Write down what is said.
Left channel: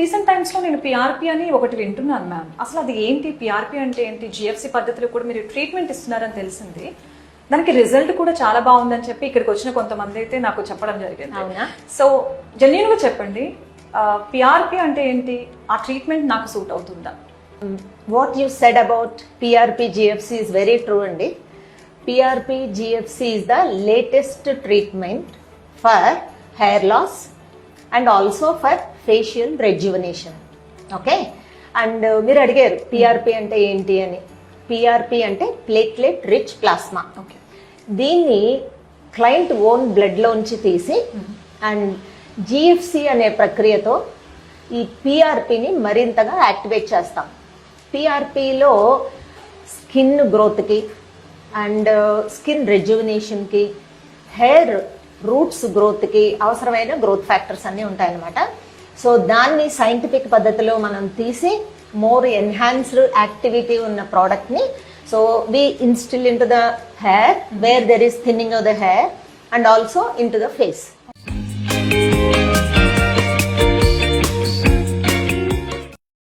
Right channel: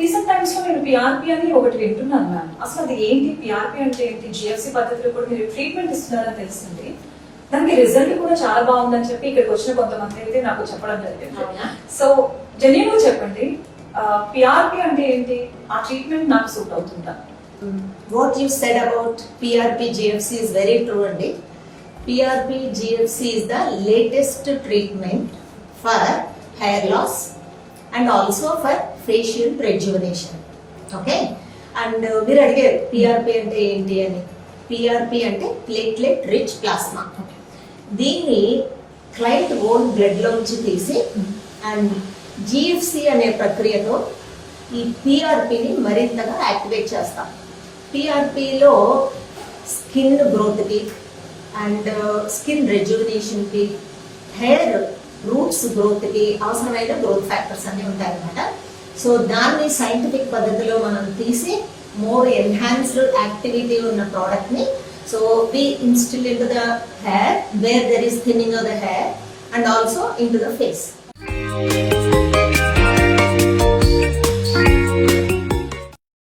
Recent times లో నేను PRP అని ఒకటి వింటున్నాను మ్యామ్. అసలు అది ఏంటి, పిఆర్పి అంటే ఏంటి? జిఎఫ్సి పద్ధతిలో కూడా మీరు ట్రీట్మెంట్ ఇస్తున్నారని తెలిసింది. దానికి రిజల్ట్ కూడా చాలా బాగుందని చెప్పి ఇక్కడికి వచ్చిన కొంతమంది అయితే నాకు చెప్పడం జరిగింది. సో జెన్యూన్ గా చెప్పండి, పిఆర్పి అంటే ఏంటి, ఆ ట్రీట్మెంట్ నాకు సూట్ అవుతుందా? What you said about PRP GFC is very true అండి. PRP GFC is the latest treatment for hair loss and also for facial rejuvenation. Okay? And మీరు అడిగారు PRP అంటే ఏంటి అని. PRP అంటే ప్లేట్లెట్ రిచ్ ప్లాస్మా. దీన్ని client own బ్లడ్లోంచి తీసి and GFC అనే ప్రక్రియతో ఈ PRPని మరింతగా యాక్టివేట్ చేస్తాం. PRPలో స్కిన్ గ్రోత్కి అండ్ స్కిన్ రెజ్యువినేషన్కి, హెయిర్ రూట్స్ గ్రోత్కి అవసరమైన గ్రోత్ ఫ్యాక్టర్స్ అన్నీ ఉంటాయన్నమాట. సో దాన్ని సైంటిఫిక్ పద్ధతిలో మనం తీసి మోర్ ఎన్హాన్స్డ్ యాక్టివిటీ ఉన్న ప్రోడక్ట్ని so we instil in to the hair where there is thinning of the hair and also in to the face.